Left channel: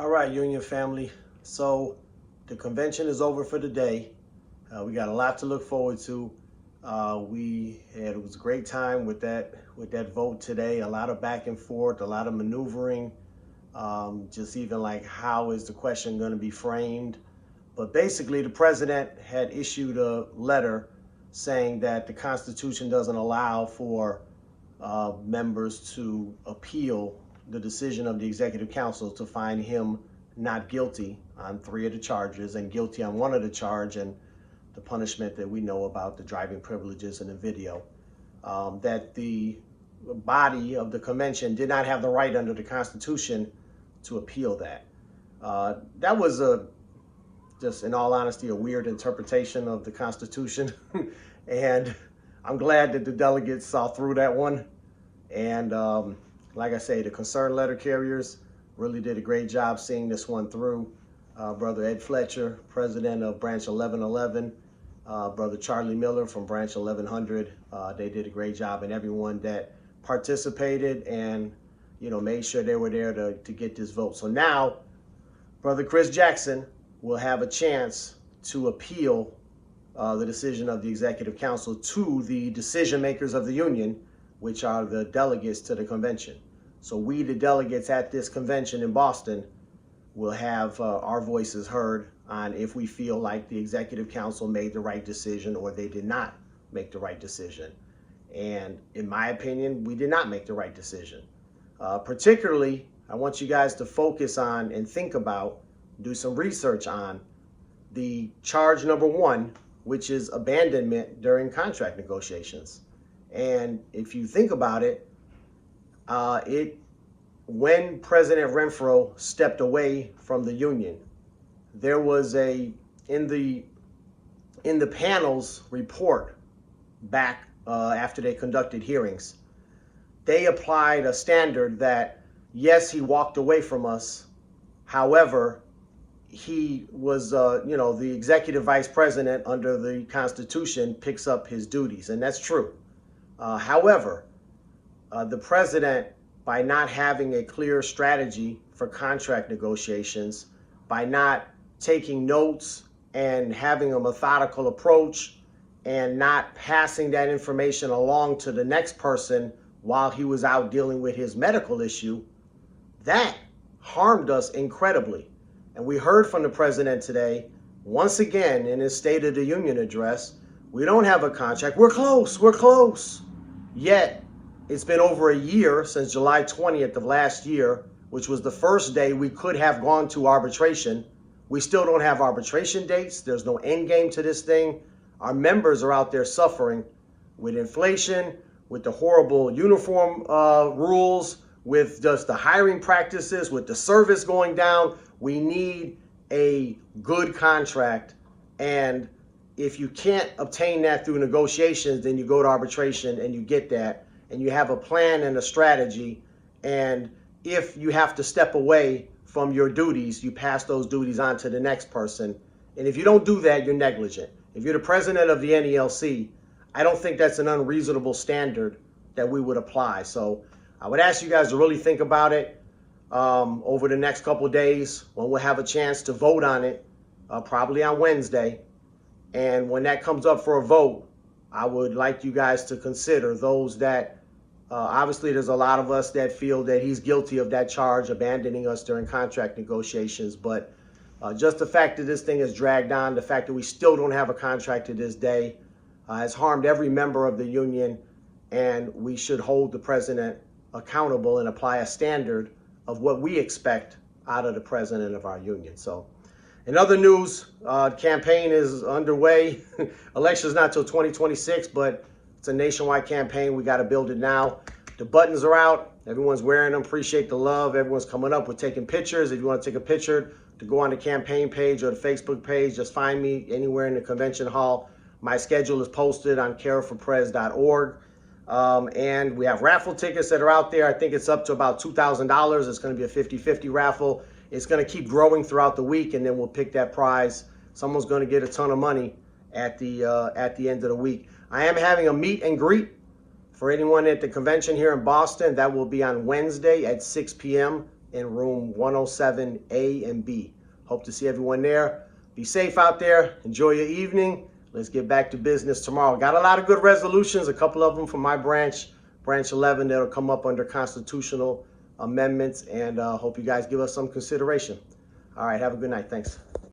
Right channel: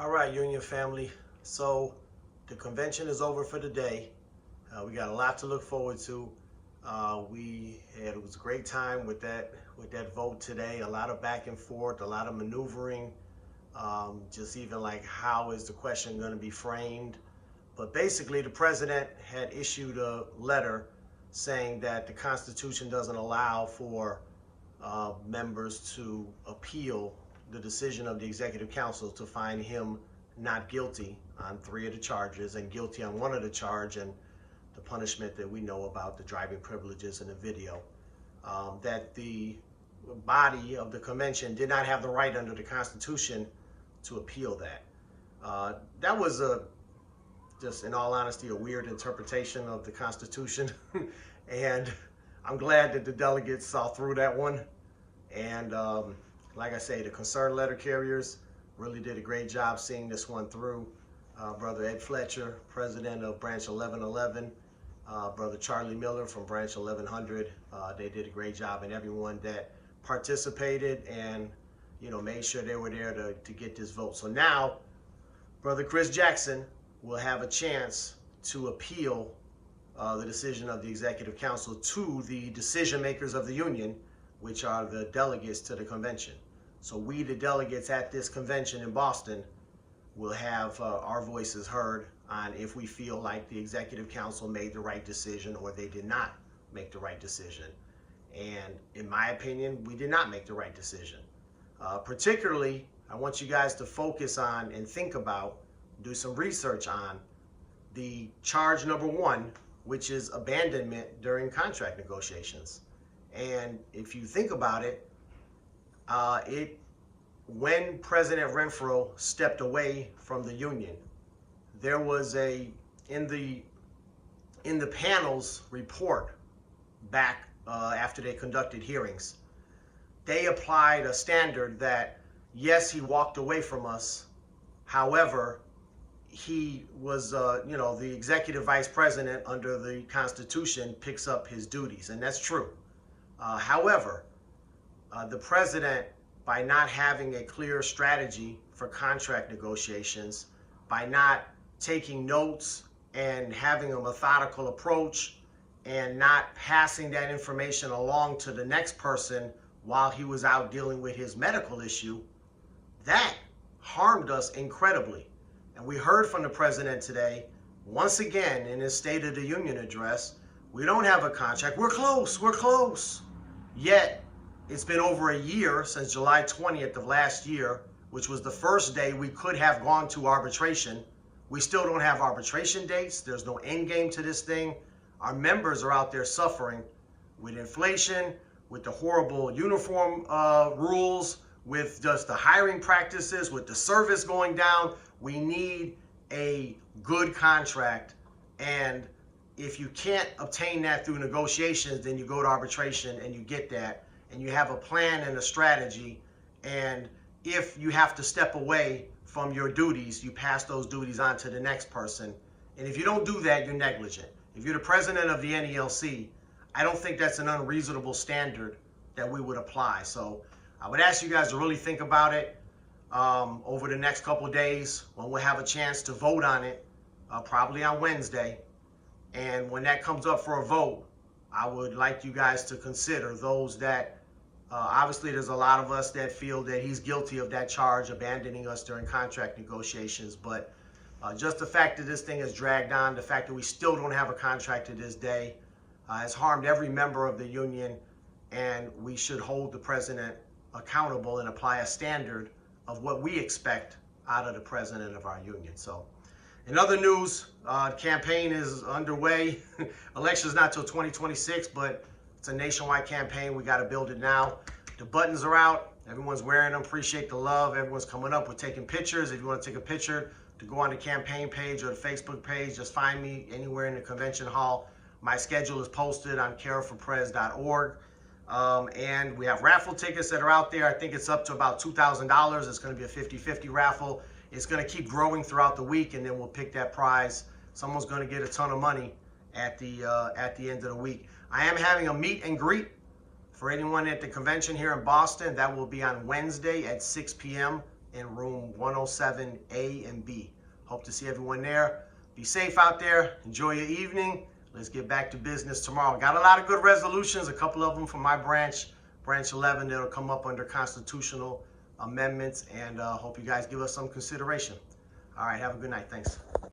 All right, Union family. So the convention is over for the day. We got a lot to look forward to. It was a great time with that vote today. A lot of back and forth, a lot of maneuvering. Just even like how is the question going to be framed? But basically, the president had issued a letter saying that the Constitution doesn't allow for members to appeal the decision of the Executive Council to find him not guilty on 3 of the charges and guilty on 1 of the charge, and the punishment that we know about, the driving privileges in the video. That the body of the convention did not have the right under the Constitution to appeal that. That was just in all honesty, a weird interpretation of the Constitution. And I'm glad that the delegates saw through that one. And like I say, the concerned letter carriers really did a great job seeing this one through. Brother Ed Fletcher, president of Branch 1111, Brother Charlie Miller from Branch 1100, they did a great job, and everyone that participated and made sure they were there to get this vote. So now, Brother Chris Jackson will have a chance to appeal the decision of the Executive Council to the decision makers of the Union, which are the delegates to the convention. So we, the delegates at this convention in Boston, will have our voices heard on if we feel like the Executive Council made the right decision or they did not make the right decision. And in my opinion, we did not make the right decision. Particularly, I want you guys to focus on and think about, do some research on the charge number 1, which is abandonment during contract negotiations. And if you think about it, when President Renfroe stepped away from the Union, there was in the panel's report back after they conducted hearings, they applied a standard that, yes, he walked away from us. However, he was, the executive vice president under the Constitution picks up his duties, and that's true. However, the president, by not having a clear strategy for contract negotiations, by not taking notes and having a methodical approach and not passing that information along to the next person while he was out dealing with his medical issue, that harmed us incredibly. And we heard from the president today, once again in his State of the Union address, we don't have a contract. We're close. Yet, it's been over a year since July 20th of last year, which was the first day we could have gone to arbitration. We still don't have arbitration dates. There's no end game to this thing. Our members are out there suffering with inflation, with the horrible uniform rules, with just the hiring practices, with the service going down. We need a good contract. And if you can't obtain that through negotiations, then you go to arbitration and you get that. And you have a plan and a strategy. And if you have to step away from your duties, you pass those duties on to the next person. And if you don't do that, you're negligent. If you're the president of the NELC, I don't think that's an unreasonable standard that we would apply. So I would ask you guys to really think about it over the next couple of days when we'll have a chance to vote on it, probably on Wednesday. And when that comes up for a vote, I would like you guys to consider those that, obviously there's a lot of us that feel that he's guilty of that charge, abandoning us during contract negotiations. But just the fact that this thing is dragged on, the fact that we still don't have a contract to this day, has harmed every member of the union. And we should hold the president accountable and apply a standard of what we expect out of the president of our union. So in other news, campaign is underway. Election's not till 2026, but it's a nationwide campaign. We got to build it now. The buttons are out. Everyone's wearing them. Appreciate the love. Everyone's coming up. We're taking pictures. If you want to take a picture to go on the campaign page or the Facebook page, just find me anywhere in the convention hall. My schedule is posted on careforprez.org. And we have raffle tickets that are out there. I think it's up to about $2,000. It's going to be a 50-50 raffle. It's going to keep growing throughout the week, and then we'll pick that prize. Someone's going to get a ton of money at the end of the week. I am having a meet and greet for anyone at the convention here in Boston. That will be on Wednesday at 6 p.m. in room 107A and B. Hope to see everyone there. Be safe out there. Enjoy your evening. Let's get back to business tomorrow. Got a lot of good resolutions, a couple of them from my branch, Branch 11, that'll come up under constitutional amendments, and hope you guys give us some consideration. All right, have a good night. Thanks.